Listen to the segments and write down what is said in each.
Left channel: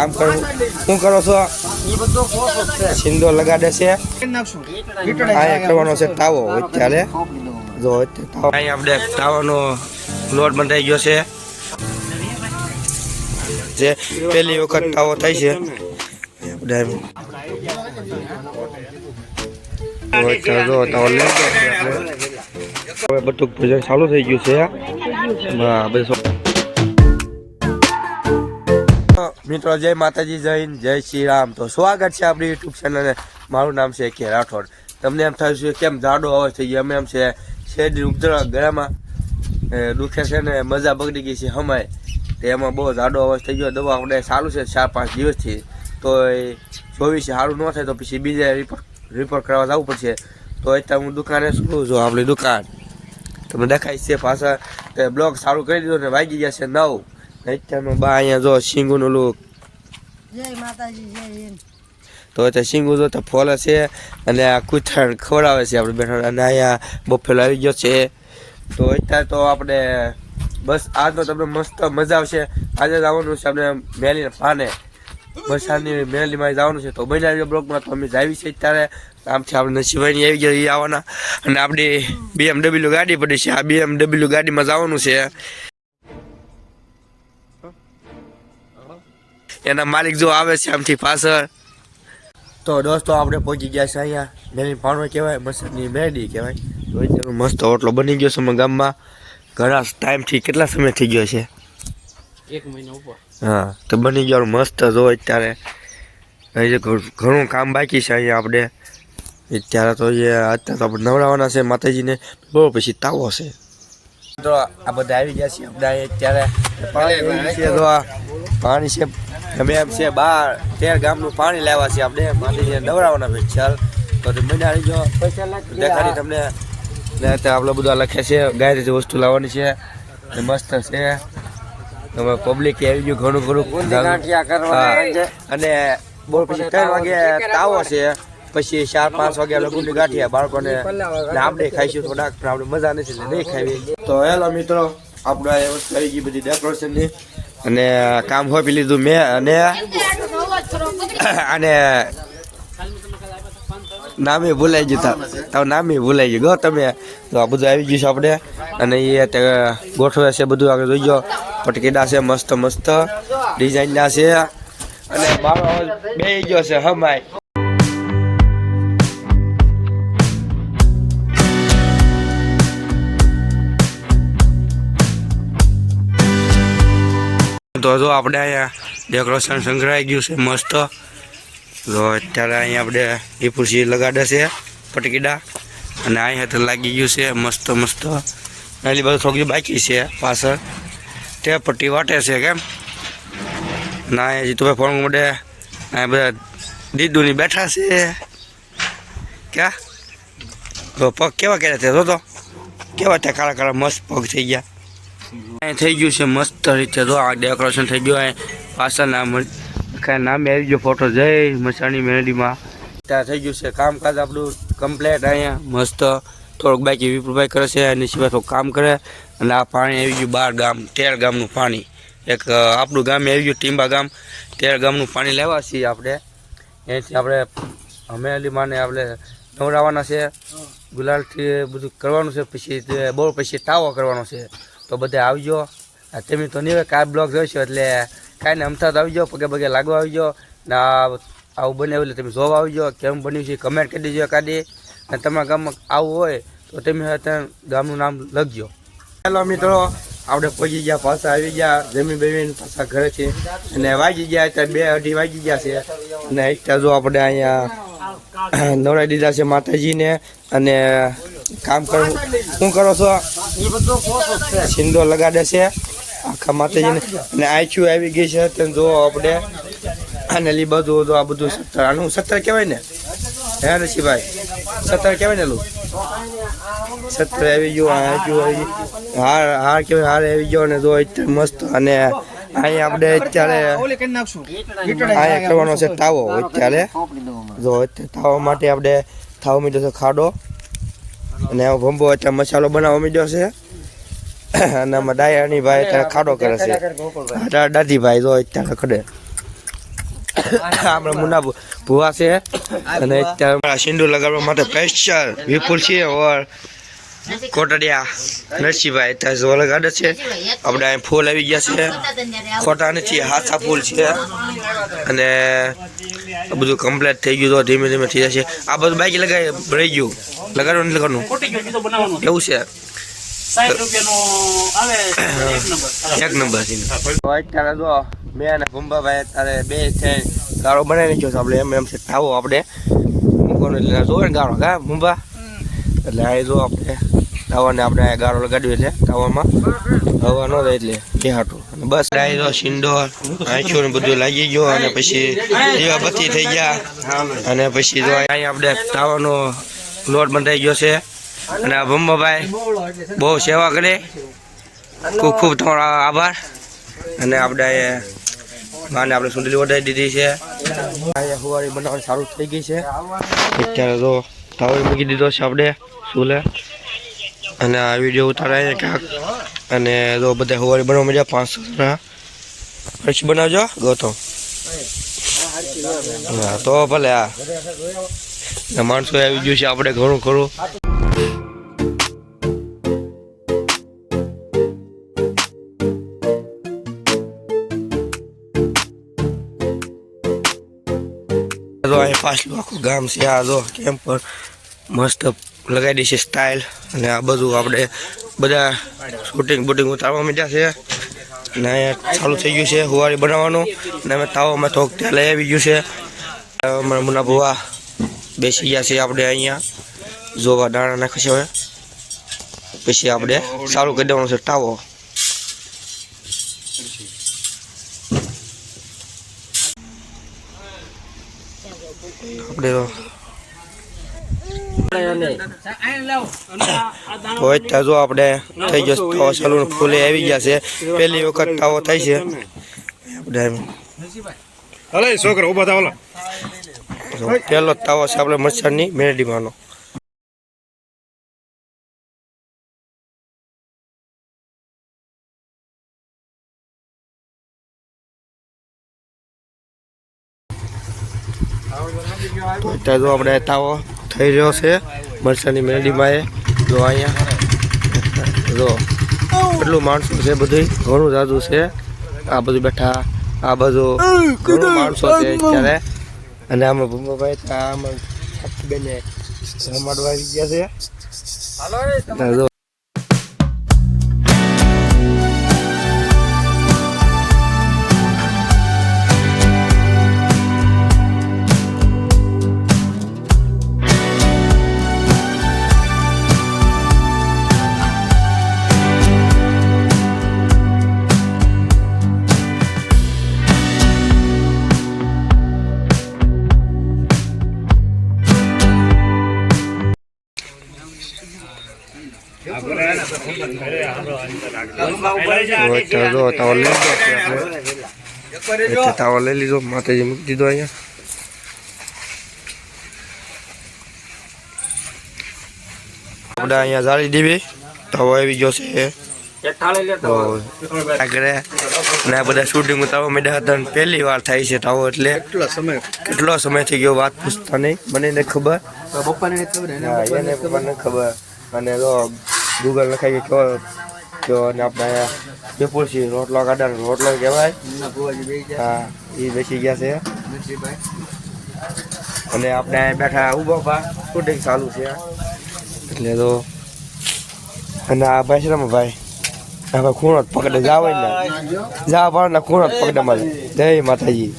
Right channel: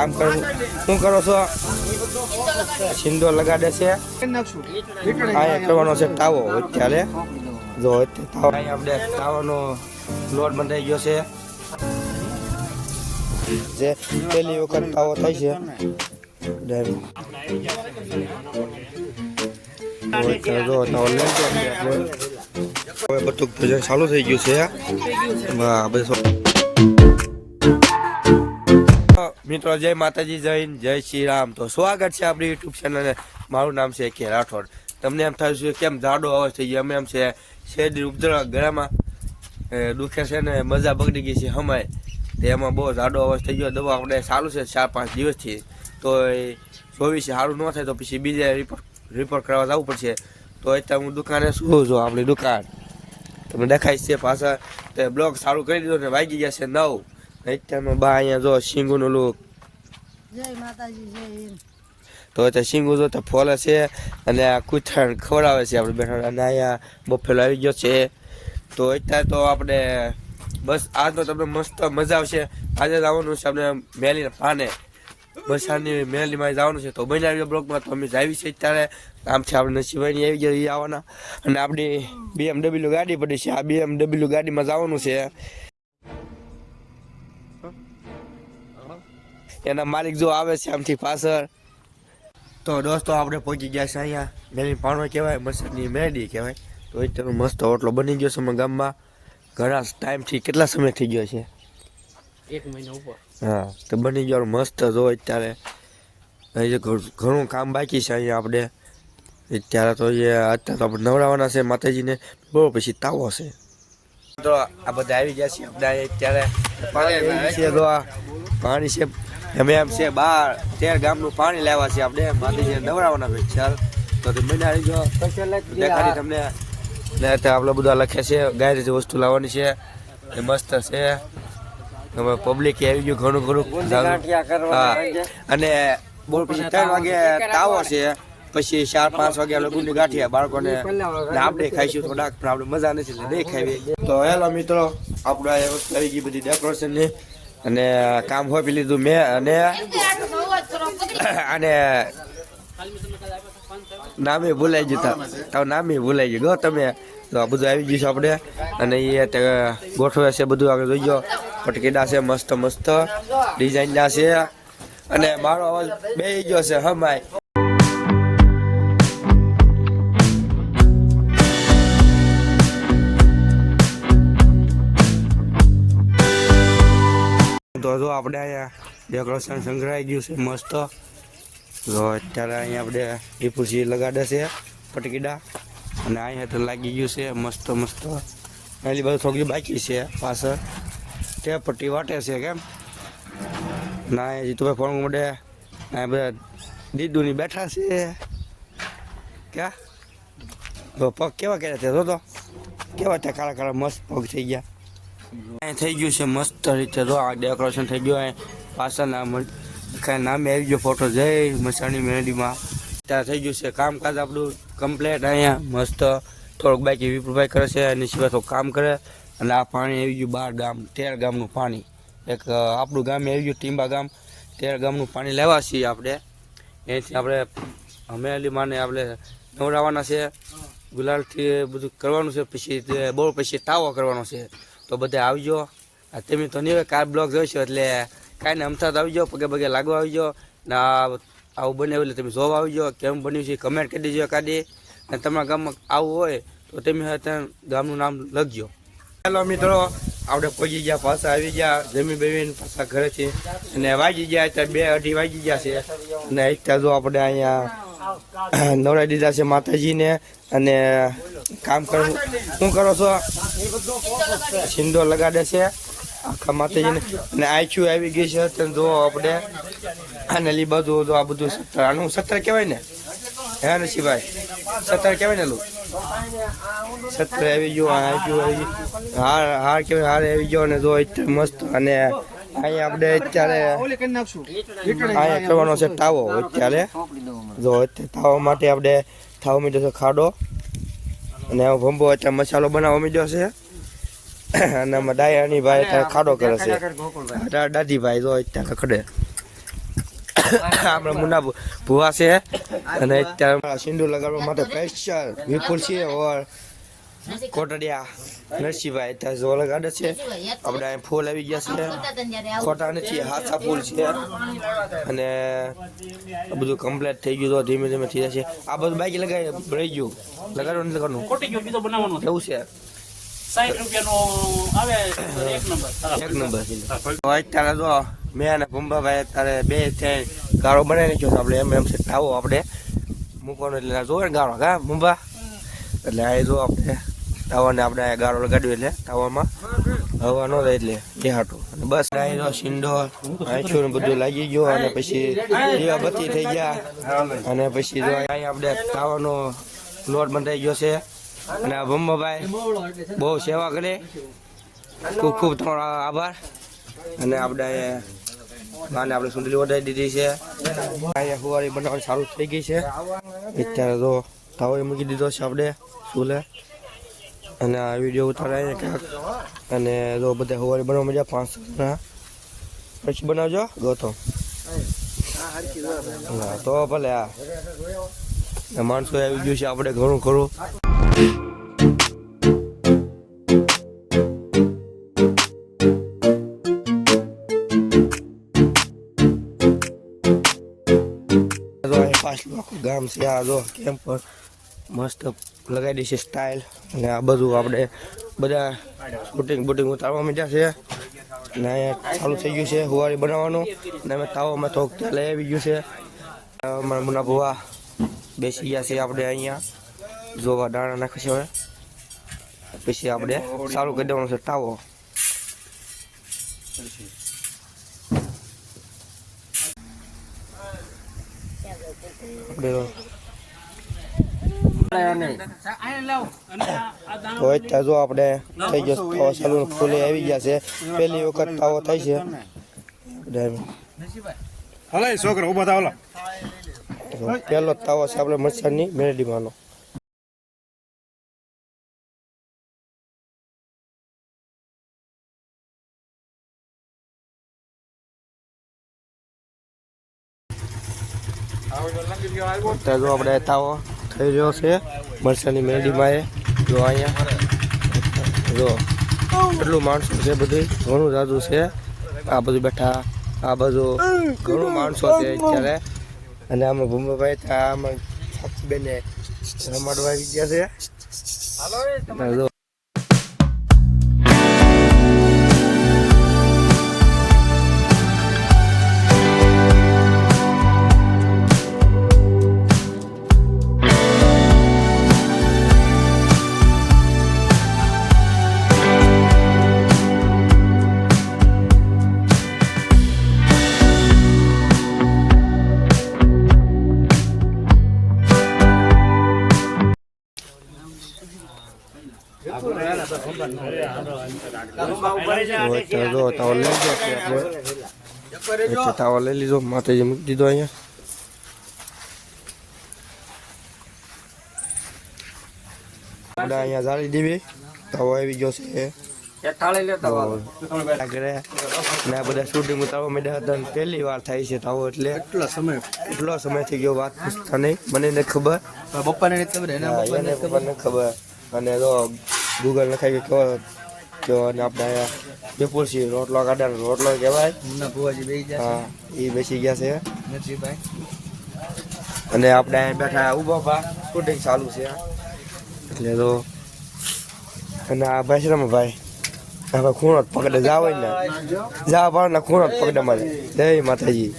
કામ કરો. શું કરો છો? એ બધું કોસો જ છે. સિંદો લગાડે છે કરવાનો છે તાવો. અત્યારે જો અહીંયા આપણે તાવાનો લોટ બંધાઈ ગયો છે. જે પહેલી વખત તાવો થાય છે. હવે બધું ભોજન ચાલુ થઈ ગયું છે. હા, બેસો. મિત્રો, જય માતાજી, જય જય શ્રી રામ. તો સ્વાગત છે આપણી યુટ્યુબ ચેનલ મારું નામ છે કે રાઠોડ. તમને એમ થયું છે કેમ જાડો અવાજ થઈ ગયો? અમે એમ છે, શેરડી ઉપદ્રવ ગળામાં દુખે છે ને મજા બગડી ગઈ છે હમાય. તો એમાં બહુ જાડો અવાજ થઈ ગયો. દવા આપણે સારું છે ચાર પાંચ દિવસથી. તો એ જોવી છે, સારું ન થાય તો પછી બીજે રિપોર્ટ રિપોર્ટ કરવા જવું પડશે. તો અત્યારે હું દુકાને શું છું આપણી દુકાન. તમને દેખાય છે પાછા તે બ્લોગ સારું કરી દીધો ને વાગી ગયા છે નવ. અત્યારમાં બા અહીંયા જો સિંગુનું ઓલું જય માતાજી જય હિન્દ. તો અત્યારે સિંગુ જો તો ફોલે છે અને આ કૂતરાને ખવડાવે છે આપણે બેઠો. અને અહીંયા બફેલો આવી ગયો છે. તો અત્યારે તો આપણે બસ આજનો તમને મસ્ત મજા આવશે. આજે જવાનું છે આપણે મેલીને ફાને વરસાદની મેલીમાં જવાનું છે. તો બનાવી બ્લોકમાં તો અમે જાવી છે અત્યારે. આમ છે આપણે સિવાયની આવી ગયા એ આવવાના. અને આપણી બીએમડબલ્યુ ગાડી પડી છે. આ બીએમડબલ્યુ ગાડીમાં જવાનું છે. એના માલિક જો આવે છે આમથી પાછળ. તો દોસ્તો આપણે પહોંચી ગયા છે અહીંયા. મેની પાણો કહેવાય મસાની મેડી કહેવાય. મસ્ત ઓટલો બની ગયો છે ગામમાં. ઘણા ટાઈમથી કેટલા સમય થઈ ગયો છે? એક મહિના ઉપર. હા તો બની ગયો મસ્ત જો અત્યારે. ઘણું કામ બાકી છે અહીંયા આપણે. અત્યારે તો એ અત્યારે તો આપણે નવડાવવાના છે માતાજીને. બહુ પછી તાવો છે. તો આ બધા આવી ગયા છે અત્યારે પાણી છે પાણી છે. અમે એમ છે બાર તેર ગામનું પાણી લેવા છે આપણે. માતાજીને નવડાવવાના ભાઈ ચાલ. તો તે બનાવી જો. દેખાડી તમને. આપણે બધા લખે છે ગાય જે વસ્તુ લાવવાની છે. એ મસ્ત છે. હવે પબ્લિક આવી ગયું ઘણું ઘણું. અને બોલ પછી ત્રણ વાગે તાવો છે. પછી ચાર પાંચ વાગ્યા લગુની ગાંઠિયા બાળકોને ને આપણે ખાઈશું થોડાક પણ આપણે મજા નથી નહીં ખાવી તો હેલો મિત્રો આપણે આવી ગઈ બધી ડેકોરેશનની અને કામ હોપી લીધું મેં અને અને નામે ભૂલાઈ ગયું તો. નામે ભૂલાઈ ગયું. ગો તમે. તો આ બધું આવી ગયું છે આપણે. અને એ ગોઠવે છે બધું આગળ જોઈ જાઓ પટકીડા છે, મસ્ત મસ્ત. ડિઝાઇનના છે. અને મારો બે ગયો છે, હમાય. તો જો આપણે અહીંયા ડેકોરેશન સંકળાઈ ગયું છે, મસ્ત. તો અત્યારે અહીંયા આપણે વિપુરસી લગાડે છે, પટકીડા. અને અહીંયા તો લાગી ગયું છે, મસ્ત મસ્ત. એટલી બધું થોડી બાકી છે, પાછળ. તે પટ્ટી વાટે છે, કેમ? ના હજી જીતુભાઈ ફોન મોડે અહીંયા બધા દીદુની બેઠા છે. ક્યાં? તો પગ કેવા કર્યા તે તો કેવા ત્યાં કાળા કાળા, મસ્ત પગ થઈ ગયા. થઈ ગયું છે મસ્ત રીતે. જો આ ડેકોરેશન થઈ ગયું અહીં પાછળના કાંઈ નામે આવી ગયો ફોટો જય મસાણી મેલડીમાં ત્યાં થઈ ગયું છે કામકાજ આપણું કમ્પ્લેટ અહીંયા મસ્ત થોડુંક બાકી વિપુલભાઈ કરે છે અને સિવાય થોડું કામ કરે. અને આ પાણી આવી ગયું બાર ગામ, તેર ગામનું પાણી. એક આપણું ગામ આવી ગયું, ટીંબા ગામ. તેર ગામનું પાણી લેવા છીએ આપણે. એથી આપણે હમેલી માને આપણે નવડાવવાના છે. ગુલાલથી બધું કરવાનું છે, પછી બહુ પછી તાવો કરવાનો છે. તો બધે આવજો. તમે તો નહીં કાર બ્લોગ જોઈશો એટલે કાંઈ અમથા આવજો, પગે પગે લાગવા આવજો. ને આવું બને એટલે તમે જોવા આવજો, કેમ બન્યું છે કમેન્ટ કરી દેજો કાઢી અને તમારા ગામમાં આવું હોય, તો તમે ગામનું નામ લખજો. ચાલો મિત્રો, આપણે પહોંચી ગયા, પાછા આવી ગયા, જમી બેમીને પાછા ઘરે છે. અને વાગી ગયા, અત્યારે બે અઢી વાગી ગયા છે. અને એકતા જો આપણે અહીંયા નવડાવી દીધા છે માતાજીને. અને કામ કરવું શું કરો છો? એ બધું કોસો જ છે સિંદો લગાડે છે. આખા માતાજીને. અને આવી ગઈ છે. તેને જોવો આપણે. અને લી બધું તો આ બધું સત્તર. આનું સત્તર કહેવાય ને? હે ઋષિભાઈ સત્તર કહેવાય ને લું? સત્તર આવી ગયું આઈચ્યુ આવી ગયું. હાર હાર કહેવાય, હાર આવી ગયો અને જો મસ્ત. અને અહીં આપણે અત્યારે અહીંયા કરવાનો છે તાવો અત્યારે. જો તાવા માટે આપણે થાવ મીઠો ખાડો. અને આ ભંબો અત્યારે મસાલો બનાવવા મીડ્યો છે. અને આમાં ડાયાની ભાઈ ત્યાં ખાડો કરે છે. દાદી દાદીભાઈ જો અત્યારે ખડે આપણે મુના ભુવા છે. અને ત્યાં સિંદૂર લગાડવા માટે સ્પેશિયલ વિપુલ છે ઓર કોટડિયા નરસિંહભાઈ. ત્યાં જો ગાડે છે. આપણે અહીં ફૂલ આવી ગયા છે. ખોટા નથી, હાથા ફૂલ છે. અને બધું કમ્પ્લીટ થઈ ગયું તો ધીમે ધીમે થઈ જશે. આ બધું બાઇક લગાવી રહી ગયું. લગાડવાનું નહીં લગાડવાનું એવું છે. સાઠ રૂપિયાનો આવે એક નંબર. એક નંબર છે. અત્યારે જો મેં અને ભૂંબાભાઈ અત્યારે બે થઈ ગાળો બનાવી ગયો આપણે એમ એમ થાવો આવો આપણે. મૂકવાનું એટલે જોવે ને ગાળો હા ભૂંબા એટલે આ જો આપણે ગાળો લગાડ્યો એટલે તાવામાં હવા ન થાય એટલે એ હાટું. બસ આ જો સિંડોર આંખો ને બધું લાગી ગયો અને પછી દીવાબત્તી થઈ ગયા. અને પછી જો અહીં આપણે તાવાનો લોટ બંધાઈ ગયો છે. અને આ ભૂંબાભાઈ બહુ સેવા કરે. ખૂબ ખૂબ તમારો આભાર. અને આપણે માને આપણે સુંદરી વધારી દીધી છે. હુવારી બનાવવાની સારું થઈ ગઈ છે. અત્યારે તો તાવે મૂકી દીધો છે આપણે સુલે અને આ વીડિયો ઉતારાય ક્યાંક. અને જો બધા હુવારી બનાવવા મજા પાંચસો પછી બનાવજો ગોતો તો ભલે આ. માણસો આવી ગયું છે, આપણે ઘણું ખરો. પાછલું આખું ગામ છે, આ જો કેમ પર મસ્ત લગાવી દે સ્ટાઇલ અને આ બધું આપણે બધા શૂટિંગ બૂટિંગ ઉતારવા માંડ્યા છે. અને ચાલુ થઈ ગયું છે હુવારી બનાવવાનું. અને અમે તાવમાં થોક ત્યાં લઈ આવી ગયું છે. અમારા મુના ભુવા બેસી ગયા છે આપણે અહીંયા. જોવા દાણા નાખે છે હવે. પછી આપણે સારું કરી દેવાનું છે ટાવો. આપણે જો આપણે થઈ ગયો તાવો સલૂન ફૂલે આવી ગયા છે. પહેલી વખત ટાવો થાય છે. છોકરા ઊભા થાવ પહેલો તાવો છે આપણે મચ્છરની મેરડીમાંનો. જો આપણે તાવો થઈ રહ્યો છે મરસાની મેરડીમાં એ જો અહીંયા જો કેટલું માણસો છે બધું ઘણું જાદુ છે. આ બધું બેઠા આ બધું માણસો છે અત્યારે. અને અમે ભૂમાભાઈ ત્યાં અમે બેને રમાડવા આવી ગયા છે. જો તાવો લઈ લીધો માતાજી મૂકી દીધો અહીંયા અહીંયા જાળી દેવી તાવો આવી ગયો છે ને બધા શૂટિંગ ઉતારવા મેડા હતા પહેલી વાર થાય છે તાવો એટલે કેટલા સમય થઈ ગયો વાત પૂછતા નહીં મને ખબર બપ્પાને નથી ખબર ખબર અને ગૂગલ લખાઈ ગયો કયો કયો અને આપણે અહીંયા વિપુલ રોટલો કાઢાનો રોટલો કહેવાય. હા એ બેસી ગયા છે. અને આપણે બેઠા ઊભો પા શૂટિંગ ચાલુ છે. એટલે તો અને આ ભાઈ છે ને ભાઈ ભાઈ ખૂણો જ પકડે જાવ ને જા ને ખૂણો જ પકડે મારે જય માતાજી.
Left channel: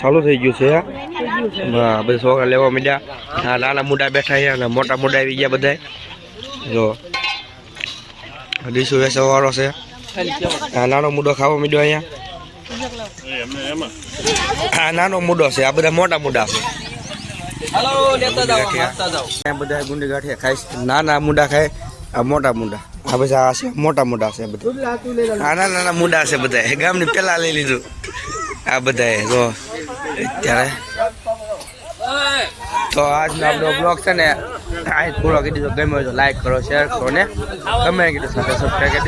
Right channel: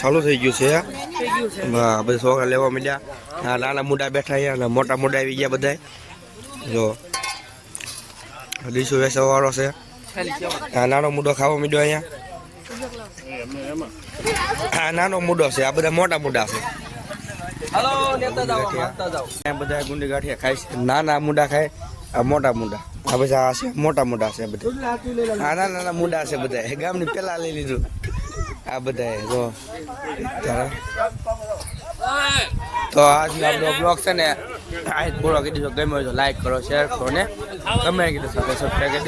ચાલુ થઈ ગયું છે. હા બધા છોકરા લેવા મળ્યા આ નાના મોટા બેઠા છે અને મોટા મોટા આવી ગયા બધા જો ડીશું વેસો વાળો છે. આ નાનો મુડો ખાવા મળ્યો અહીંયા. આ નાનો મુડો છે આ બધા મોટા મોટા છે. બધા ગુંડી ગાંઠિયા ખાય નાના મુંડા ખાય આ મોટા મુંડા. આ બધા આ છે મોટા મુડા છે બધા. નાના નાના મુડા છે બધા ગામની પેલા લઈ લીધું. આ બધા જો. અત્યારે તો આજનો આપણો બ્લોગ છે ને, આ પૂરો કરી દીધો ગમ્યો તો લાઈક કરો શેર કરો ને કરી દીધો સાથે સબસ્ક્રાઈબ કરી